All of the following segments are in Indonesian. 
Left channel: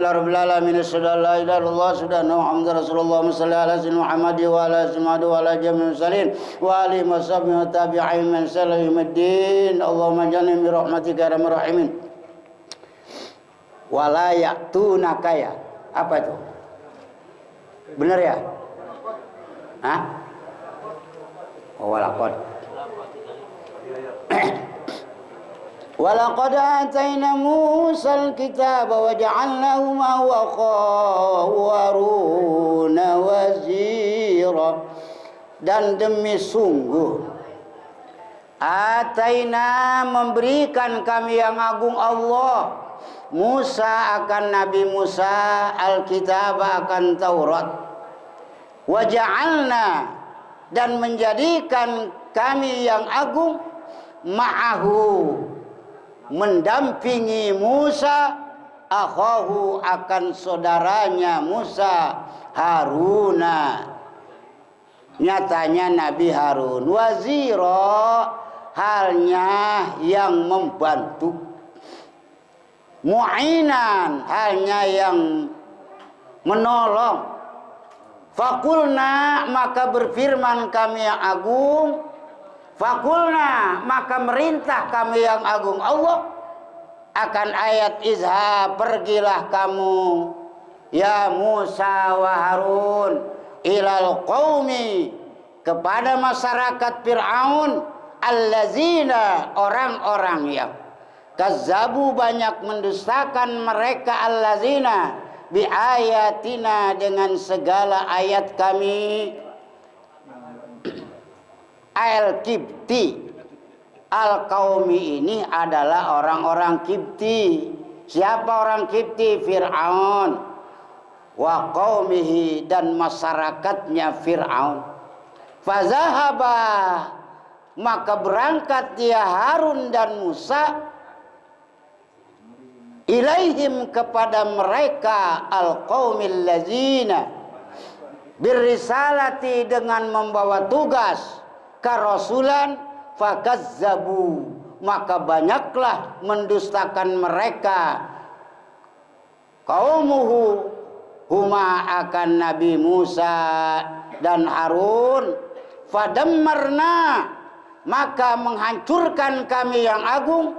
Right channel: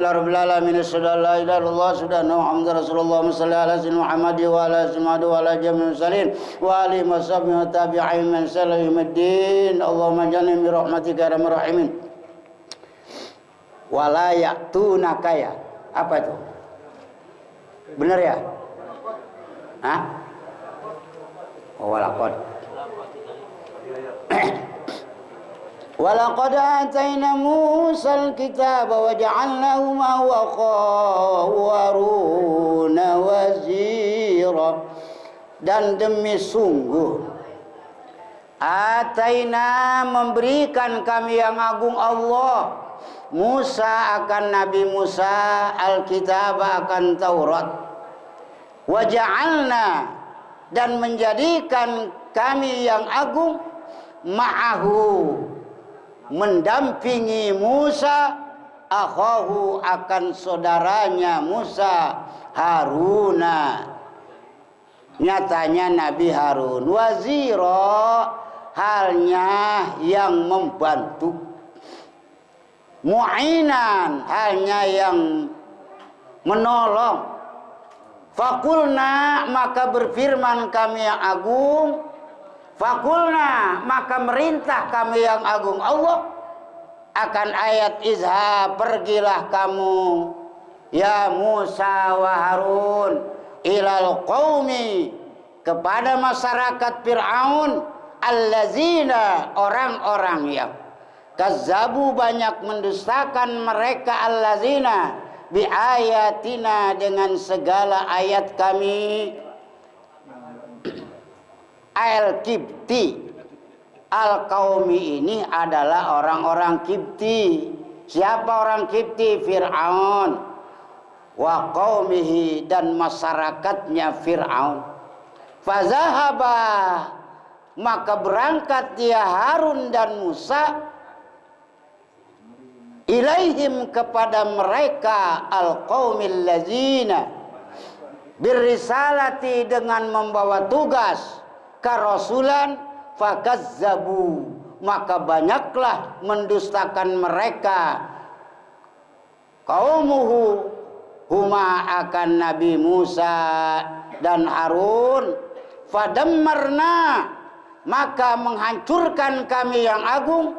Rabbil alamin asyhadu an la ilaha illallah sudah Muhammad Rasulullah sallallahu alaihi Muhammad wa ala alihi wa ala jami'il muslimin wa alihi washabihi wa tabi'in man sallallahu Allahumma jalni bi rahmatika ya arhamar rahimin. Wala ya'tunaka ya. Apa itu? Benar ya? Hah? Oh, walaqad. Walaqad atayna Musal kitaba wa ja'alnahu ma'ahu akhahu Haruna wazira. Dan demi sungguh atayna memberikan kami yang agung Allah Musa akan Nabi Musa Alkitab akan Taurat. Wa ja'alna dan menjadikan kami yang agung ma'ahu mendampingi Musa akhahu akan saudaranya Musa Haruna, nyatanya Nabi Harun wazira halnya yang membantu, mu'inan halnya yang menolong. Fakulna maka berfirman kami yang agung, fakulna maka merintah kami yang agung Allah akan ayat izha pergilah kamu ya Musa wa Harun ilal qaumi kepada masyarakat Fir'aun allazina orang-orang yang kazzabu banyak mendustakan mereka allazina bi ayatina dengan segala ayat kami. Al-Kibti Al-Qaumi ini adalah orang-orang Kibti. Siapa orang Kibti? Fir'aun wa qaumihi dan masyarakatnya Fir'aun. Fazahaba maka berangkat dia Harun dan Musa ilaihim kepada mereka al-qaumil lazina birrisalati dengan membawa tugas karasulan fakazzabu maka banyaklah mendustakan mereka kaumuhu huma akan Nabi Musa dan Harun fadammarna maka menghancurkan kami yang agung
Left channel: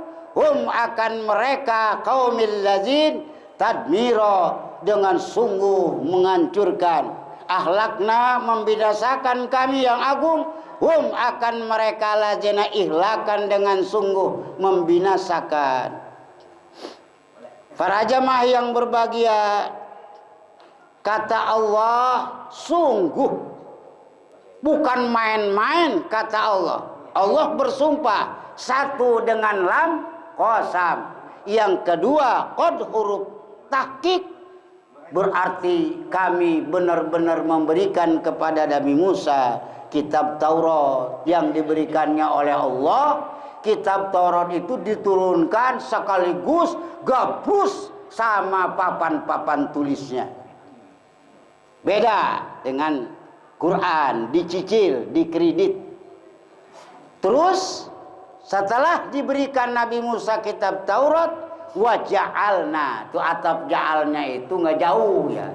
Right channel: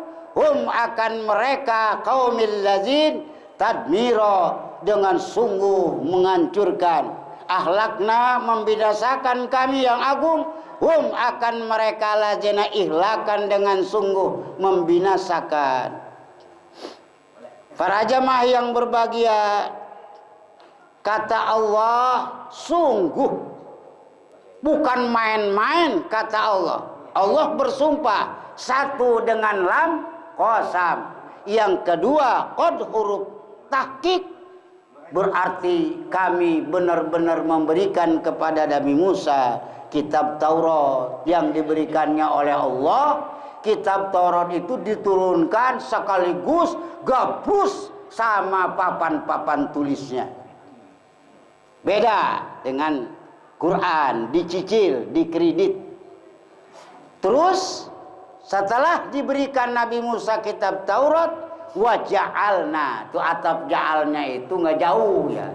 akan mereka kaumil lazin tadmiro dengan sungguh menghancurkan ahlakna membinasakan kami yang agung akan mereka lazina ihlakan dengan sungguh membinasakan. Para jamaah yang berbahagia, kata Allah sungguh bukan main-main kata Allah. Allah bersumpah satu dengan lam qasam, yang kedua qad huruf tahqiq berarti kami benar-benar memberikan kepada Nabi Musa kitab Taurat yang diberikannya oleh Allah. Kitab Taurat itu diturunkan sekaligus gabus sama papan-papan tulisnya. Beda dengan Quran, dicicil, dikredit. Terus setelah diberikan Nabi Musa kitab Taurat, wa ja'alna, itu atap ja'alnya itu nggak jauh ya.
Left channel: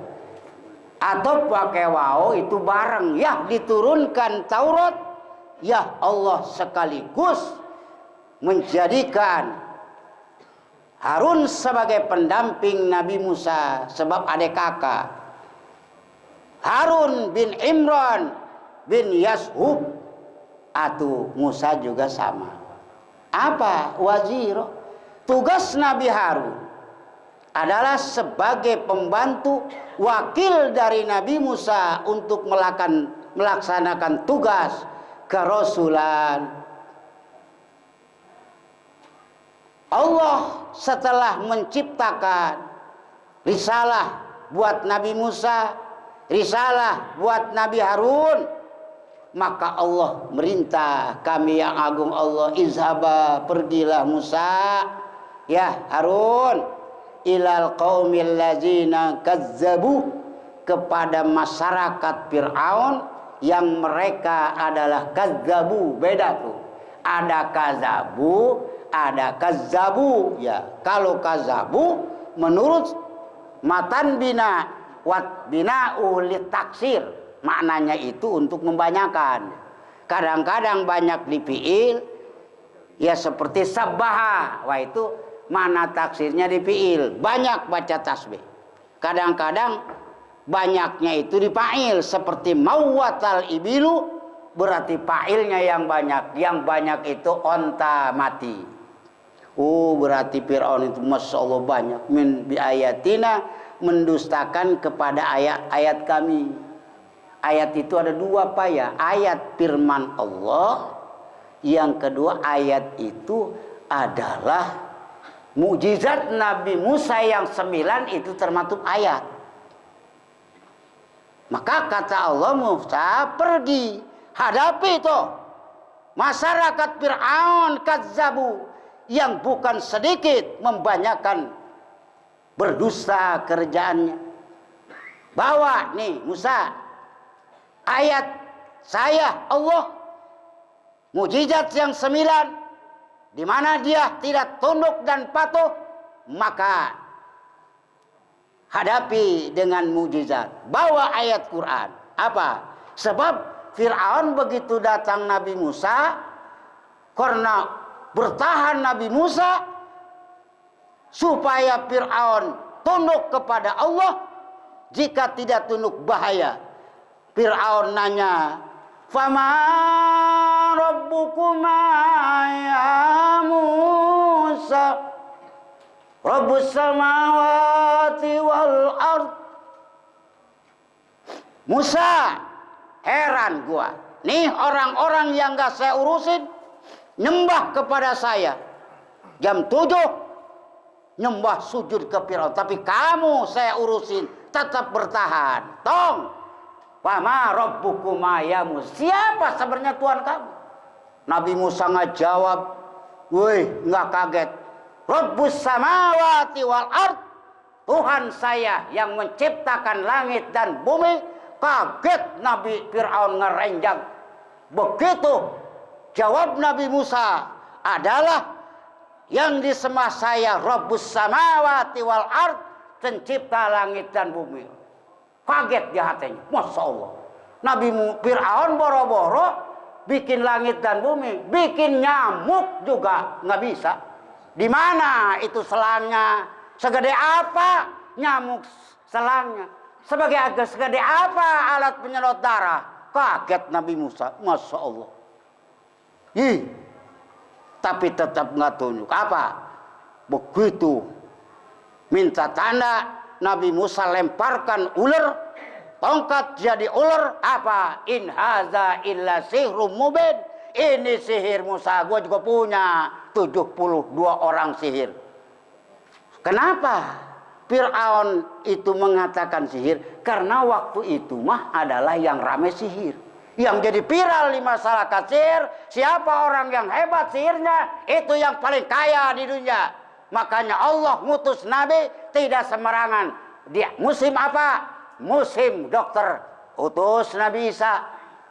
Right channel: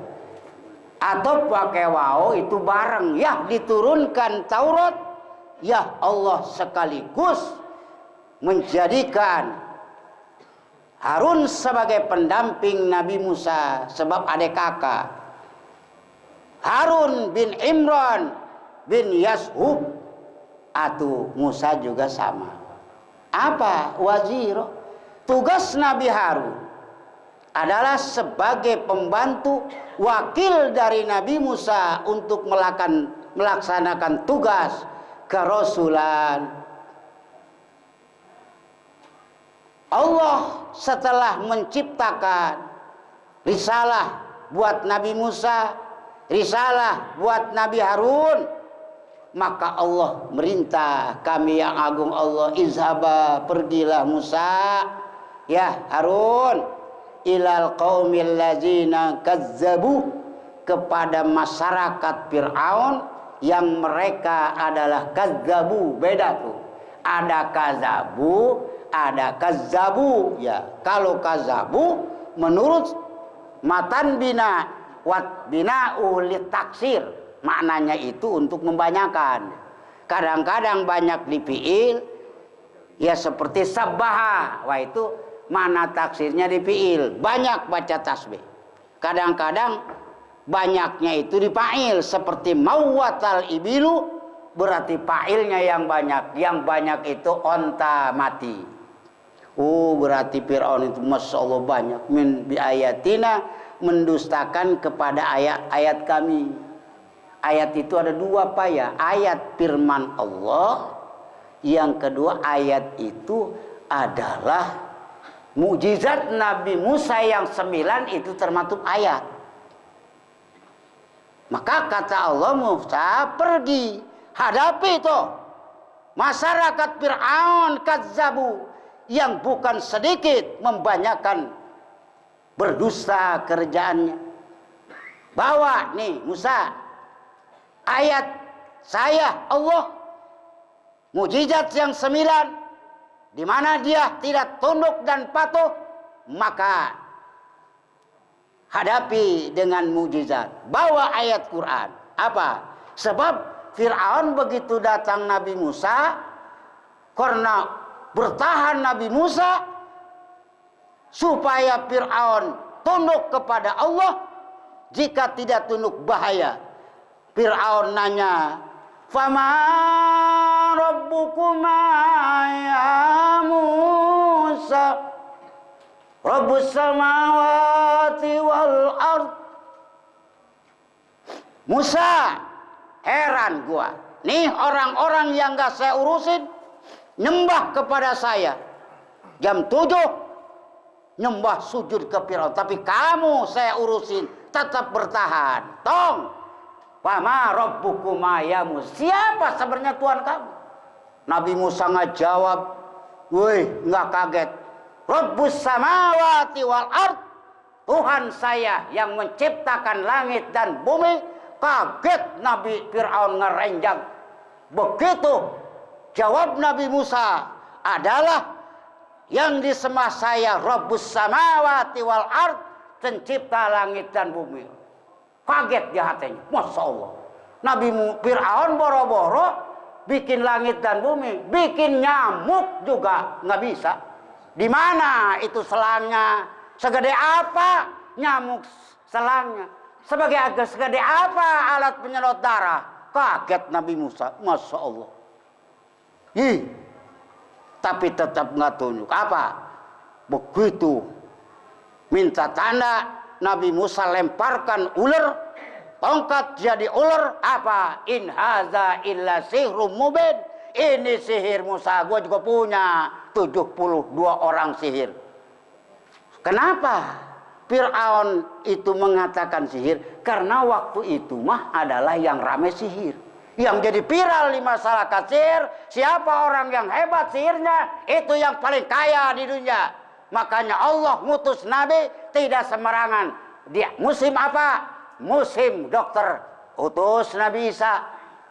Atau pakai wau itu bareng ya, diturunkan Taurat ya Allah sekaligus menjadikan Harun sebagai pendamping Nabi Musa sebab adik kakak. Harun bin Imran bin Yashub atau Musa juga sama. Apa? Wazir. Tugas Nabi Harun adalah sebagai pembantu wakil dari Nabi Musa untuk melaksanakan tugas kerasulan. Allah setelah menciptakan risalah buat Nabi Musa, risalah buat Nabi Harun, maka Allah merintah kami yang agung Allah, izhaba pergilah Musa ya Harun ilal qaumil lazina kazzabu kepada masyarakat Fir'aun yang mereka adalah kazzabu. Beda tuh, ada kazabu, ada kazzabu ya. Kalau kazzabu menurut Matan bina wat bina ulit taksir. Maknanya itu untuk membanyakan. Kadang-kadang banyak di fiil, ya seperti sabbaha. Wah itu mana taksirnya di fiil, banyak baca tasbih. Kadang-kadang banyaknya itu di fa'il, seperti mawwatal ibilu, berarti fa'ilnya yang banyak. Yang banyak itu onta mati. Oh berarti Fir'aun itu Masya Allah banyak. Min biayatina, mendustakan kepada ayat-ayat kami. Ayat itu ada dua Pak ya. Ayat firman Allah. Yang kedua ayat itu adalah mukjizat Nabi Musa yang 9 itu termasuk ayat. Maka kata Allah, Musa pergi hadapi itu masyarakat Fir'aun kadzabu yang bukan sedikit membanyakan berdusta kerjaannya. Bawa nih Musa ayat saya Allah, mukjizat yang 9 di mana dia tidak tunduk dan patuh, maka hadapi dengan mukjizat. Bawa ayat Quran. Apa? Sebab Fir'aun begitu datang Nabi Musa, karena bertahan Nabi Musa supaya Fir'aun tunduk kepada Allah. Jika tidak tunduk bahaya. Fir'aun nanya, "Fama rabbukuma ya Musa?" Rabbus samawati wal ard. Musa, heran gua. Nih orang-orang yang gak saya urusin nyembah kepada saya. Jam 7 nyembah sujud ke Firaun. Tapi kamu saya urusin tetap bertahan. Tong. Fama rabbukuma ya Musa. Siapa sebenarnya Tuhan kamu? Nabi Musa nggak jawab. Woi, nggak kaget. Rabbus samawati wal ard. Tuhan saya yang menciptakan langit dan bumi. Kaget Nabi Fir'aun ngerenjang. Begitu jawab Nabi Musa adalah yang disembah saya Rabbus samawati wal ard, pencipta langit dan bumi. Kaget di hatinya. Masya Allah. Nabi Fir'aun boro-boro bikin langit dan bumi, bikin nyamuk juga nggak bisa. Di mana itu selangnya? Segede apa nyamuk selangnya? Segede apa alat penyedot darah? Kaget Nabi Musa. Masya Allah. Ih, tapi tetap nggak tunjuk. Apa? Begitu minta tanda, Nabi Musa lemparkan ular, tongkat jadi ular. Apa? In haza illa sihrum mubin. Ini sihir Musa, gue juga punya 72 orang sihir. Kenapa Fir'aun itu mengatakan sihir? Karena waktu itu mah adalah yang rame sihir. Yang jadi viral di masyarakat sihir, siapa orang yang hebat sihirnya, itu yang paling kaya di dunia. Makanya Allah ngutus Nabi tidak sembarangan. Dia musim apa? Musim dokter, utus Nabi Isa.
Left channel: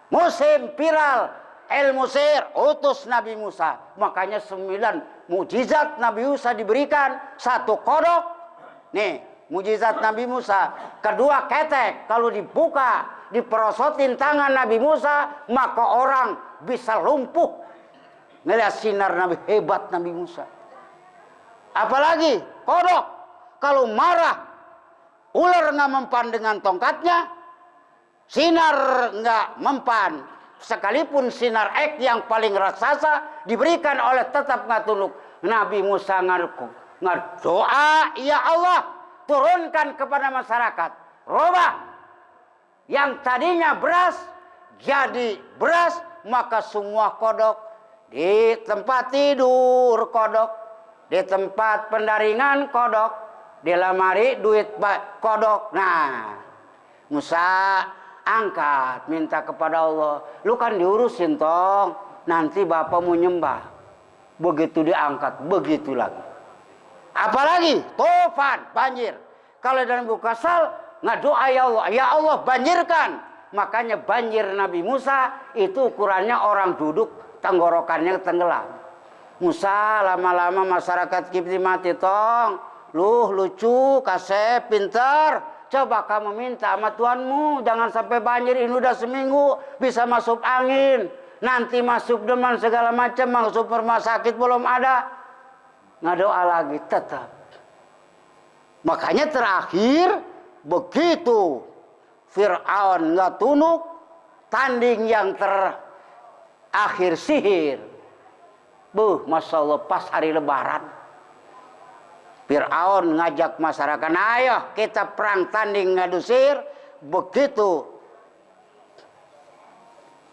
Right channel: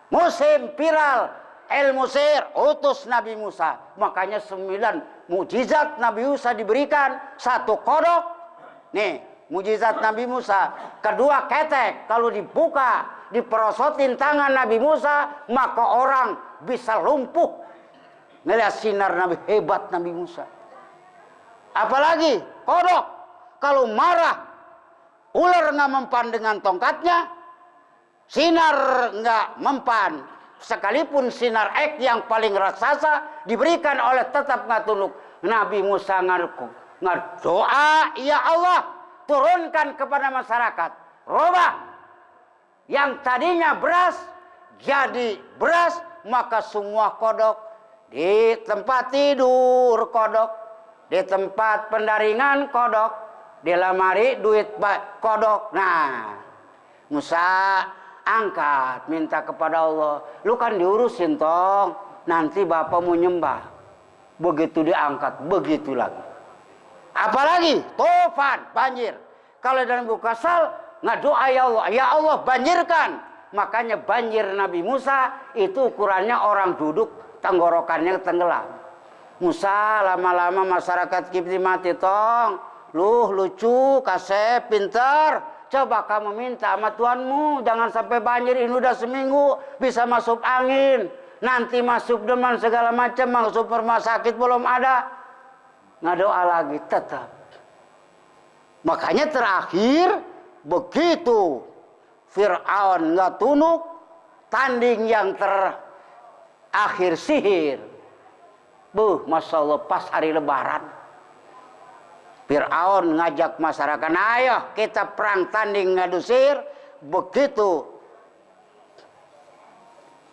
Musim viral ilmu sihir, utus Nabi Musa. Makanya 9 mukjizat Nabi Musa diberikan. 1 kodok. Nih, mukjizat Nabi Musa. Kedua ketek, kalau dibuka, diperosotin tangan Nabi Musa, maka orang bisa lumpuh. Ngelihat sinar Nabi, hebat Nabi Musa. Apalagi kodok, kalau marah, ular nggak mempan dengan tongkatnya, sinar nggak mempan. Sekalipun sinar ek yang paling raksasa diberikan oleh tetap nggak tunduk. Nabi Musa ngedoa, ya Allah turunkan kepada masyarakat. Robah yang tadinya beras jadi beras, maka semua kodok di tempat tidur kodok, di tempat pendaringan kodok, di lemari duit kodok. Nah, Musa angkat, minta kepada Allah. Lu kan diurusin tong, nanti bapak mau nyembah. Begitu diangkat, begitu lagi. Apalagi tufan, banjir. Kalau dalam buku kasal, ngadoa ya Allah, ya Allah banjirkan. Makanya banjir Nabi Musa itu ukurannya orang duduk, tenggorokannya tenggelam. Musa lama-lama masyarakat Kipti mati tong. lucu, kasep, pintar. Coba kamu minta sama Tuhanmu, jangan sampai banjir, ini udah seminggu, bisa masuk angin. Nanti masuk demam segala macam, masuk rumah sakit belum ada. Nggak doa lagi, tetap. Makanya terakhir, begitu Fir'aun nggak tunduk, tanding yang terakhir sihir. Masya Allah, pas hari lebaran. Fir'aun ngajak masyarakat, ayo kita perang tanding ngadu sihir. Begitu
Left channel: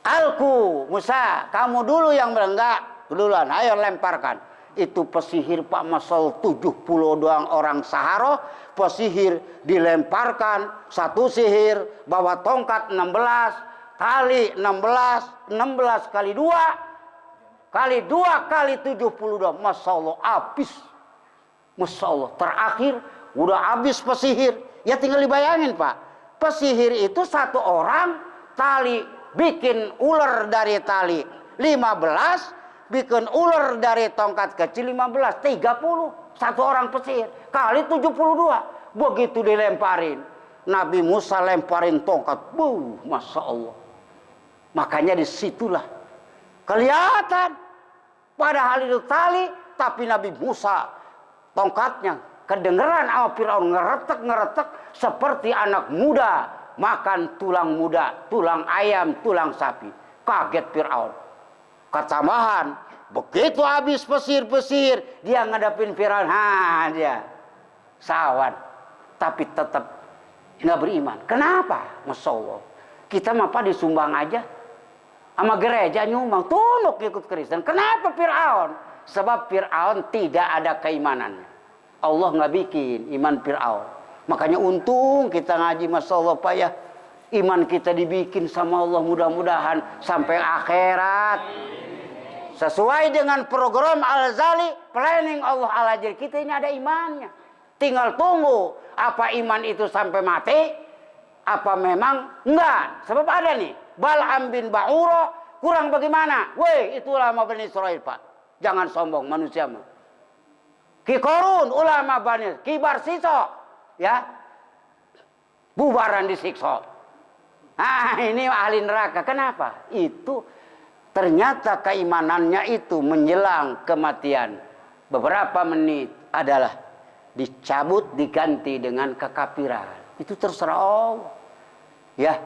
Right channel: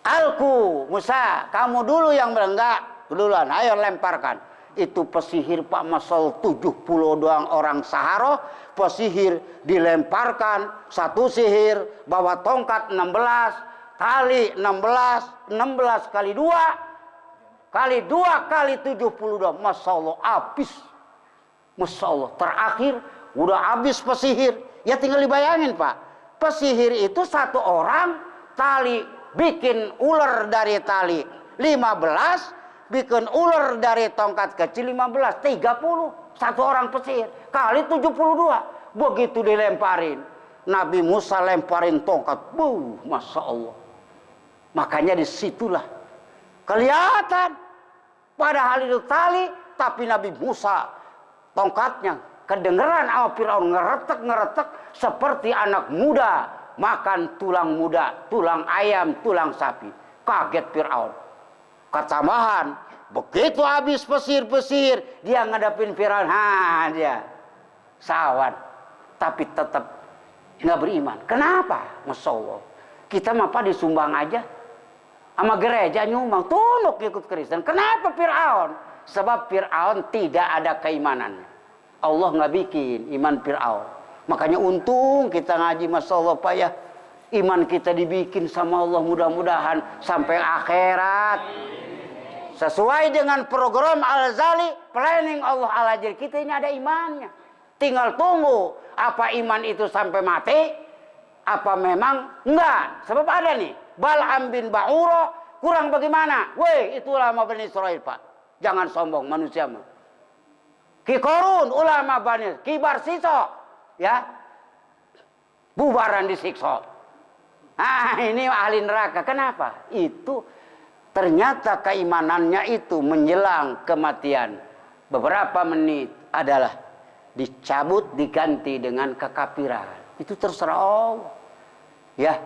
Alku, Musa, kamu dulu yang enggak, duluan, ayo lemparkan. Itu pesihir Pak Masal 70 doang orang Sahara, pesihir dilemparkan, satu sihir, bawa tongkat 16, tali 16 kali 2, kali 72, Masya Allah, habis. Masya Allah, terakhir udah habis pesihir. Ya tinggal dibayangin Pak, pesihir itu satu orang, tali bikin ular dari tali 15, bikin ular dari tongkat kecil 15, 30. Satu orang pesihir kali 72. Begitu dilemparin, Nabi Musa lemparin tongkat, Masya Allah. Makanya disitulah kelihatan, padahal itu tali, tapi Nabi Musa tongkatnya kedengeran sama Firaun, ngeretek seperti anak muda makan tulang muda, tulang ayam, tulang sapi. Kaget Firaun. Ketambahan, begitu habis pesir-pesir, dia ngadapin Firaun, dia sawan. Tapi tetap nggak beriman. Kenapa? Masya Allah. Kita mah apa disumbang aja, sama gereja nyumbang, tunduk ikut Kristen. Kenapa Firaun? Sebab Fir'aun tidak ada keimanan. Allah nggak bikin iman Fir'aun. Makanya untung kita ngaji, Masya Allah Pak ya. Iman kita dibikin sama Allah, mudah-mudahan sampai akhirat. Sesuai dengan program Al-Ghazali, planning Allah Al-Ghazali. Kita ini ada imannya. Tinggal tunggu, apa iman itu sampai mati, apa memang enggak. Sebab ada nih, Bal'am bin Ba'ura, kurang bagaimana? Weh, itu ulama Bani Israel Pak. Jangan sombong manusia mah. Ki Korun, ulama Bani, Ki Barsiso, ya, bubaran disiksa. Ini ahli neraka. Kenapa? Itu ternyata keimanannya itu menjelang kematian beberapa menit adalah dicabut, diganti dengan kekafiran. Itu terserah Allah. Ya,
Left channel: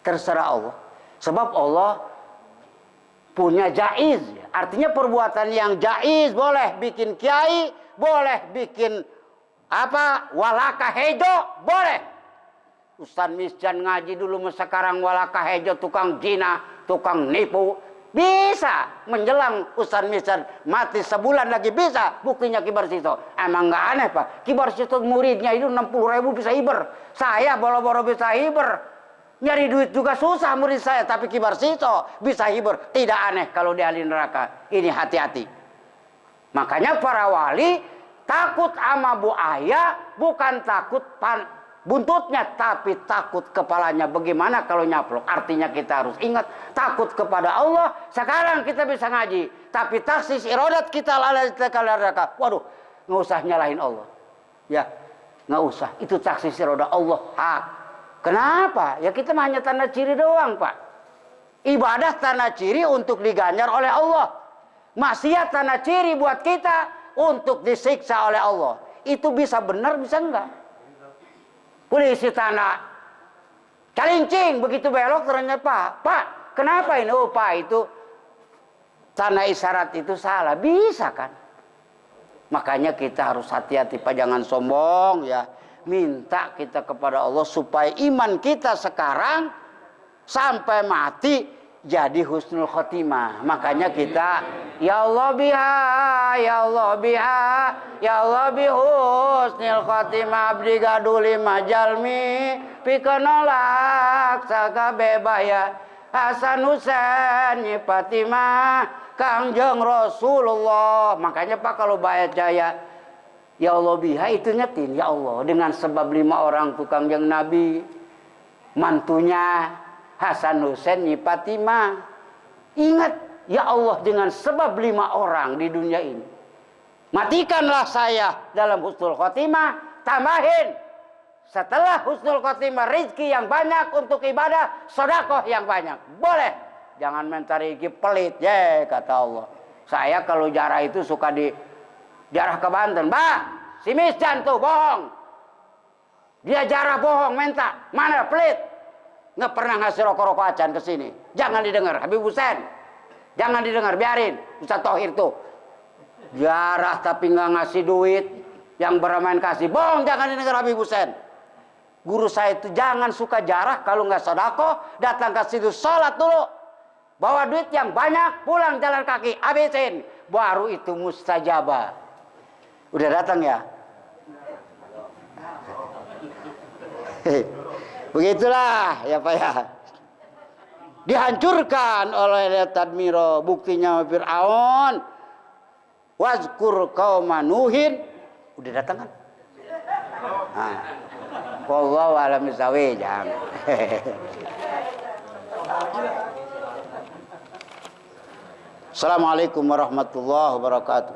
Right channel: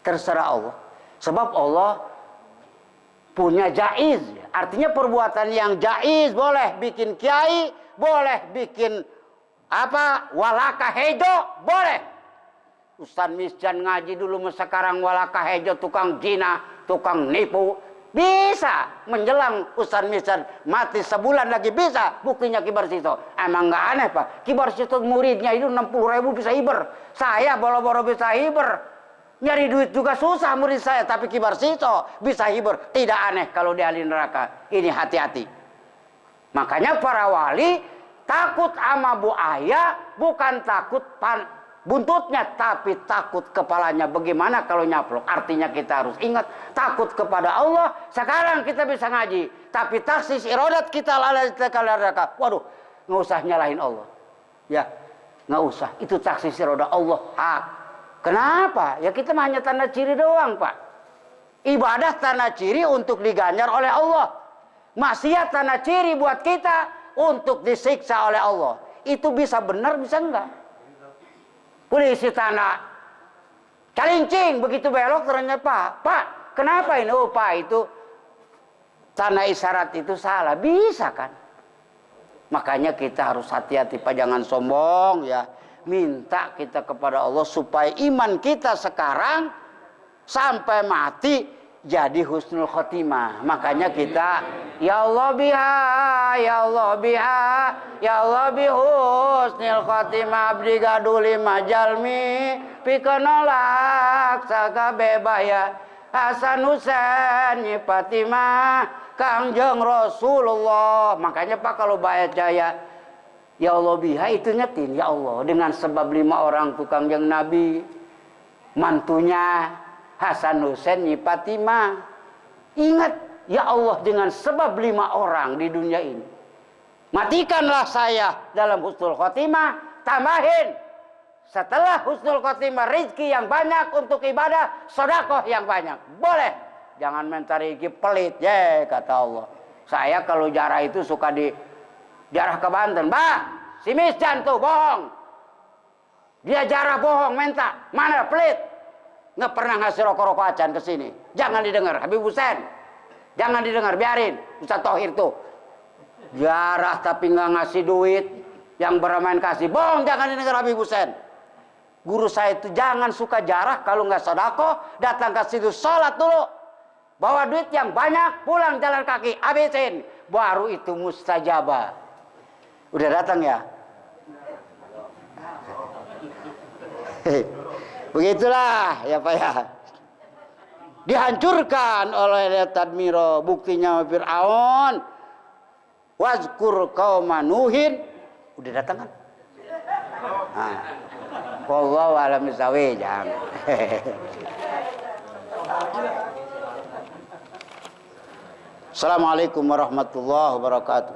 terserah Allah. Sebab Allah punya jaiz, artinya perbuatan yang jaiz, boleh bikin kiai, boleh bikin apa, walaka hejo, boleh. Ustaz Misjan ngaji dulu, sekarang walaka hejo, tukang zina, tukang nipu, bisa. Menjelang Ustaz Misjan mati sebulan lagi bisa, buktinya Ki Barsiso. Emang nggak aneh Pak, Ki Barsiso muridnya itu 60.000 bisa hiber, saya boro-boro bisa hiber. Nyari duit juga susah murid saya, tapi Ki Barsiso bisa hibur. Tidak aneh kalau di ahli neraka. Ini hati-hati. Makanya para wali takut sama buaya, bukan takut buntutnya, tapi takut kepalanya. Bagaimana kalau nyaplok? Artinya kita harus ingat, takut kepada Allah. Sekarang kita bisa ngaji, tapi taksis irodat kita lalai neraka. Waduh, nggak usah nyalahin Allah. Ya, nggak usah. Itu taksis irodat Allah hak. Kenapa? Ya kita hanya tanda ciri doang Pak. Ibadah tanda ciri untuk diganjar oleh Allah. Maksiat tanda ciri buat kita untuk disiksa oleh Allah. Itu bisa benar, bisa enggak. Polisi tanda calincing, begitu belok ternyata Pak, kenapa ini? Oh Pak, itu tanda isyarat itu salah. Bisa kan? Makanya kita harus hati-hati Pak, jangan sombong ya. Minta kita kepada Allah supaya iman kita sekarang sampai mati jadi husnul khotimah. Makanya kita ya Allah biha, ya Allah biha, ya Allah bi husnul khotimah abdi gaduli majalmi pikanolak saka bebaya Hasan Husain Fatimah Kangjeng Rasulullah. Makanya Pak kalau baca ya Allah biha itu nyetin, ya Allah dengan sebab 5 orang tukang yang Nabi, mantunya Hasan Husain Fatimah. Ingat, ya Allah dengan sebab 5 orang di dunia ini. Matikanlah saya dalam husnul khotimah, tambahin setelah husnul khotimah rizki yang banyak untuk ibadah, sedekah yang banyak. Boleh. Jangan mencari rezeki pelit, ya kata Allah. Saya kalau jarah itu suka di jarah ke Banten. Bah, si Misjan tuh bohong. Dia jarah bohong, minta. Mana pelit? Nggak pernah ngasih rokok-rokok acan ke sini. Jangan didengar, Habib Husain. Jangan didengar, biarin. Ustaz Thohir tuh. Jarah tapi nggak ngasih duit. Yang bermain kasih. Bohong, jangan didengar Habib Husain. Guru saya itu jangan suka jarah kalau nggak sedekah, datang ke situ sholat dulu. Bawa duit yang banyak, pulang jalan kaki, habisin. Baru itu mustajabah. Udah datang ya? Begitulah ya Pak ya. Dihancurkan oleh Tadmiro, buktinya Fir'aun. Wazkur qauma Nuhin. Udah datang kan? Nah. Wallahu a'lam bishawab. Assalamualaikum warahmatullahi wabarakatuh.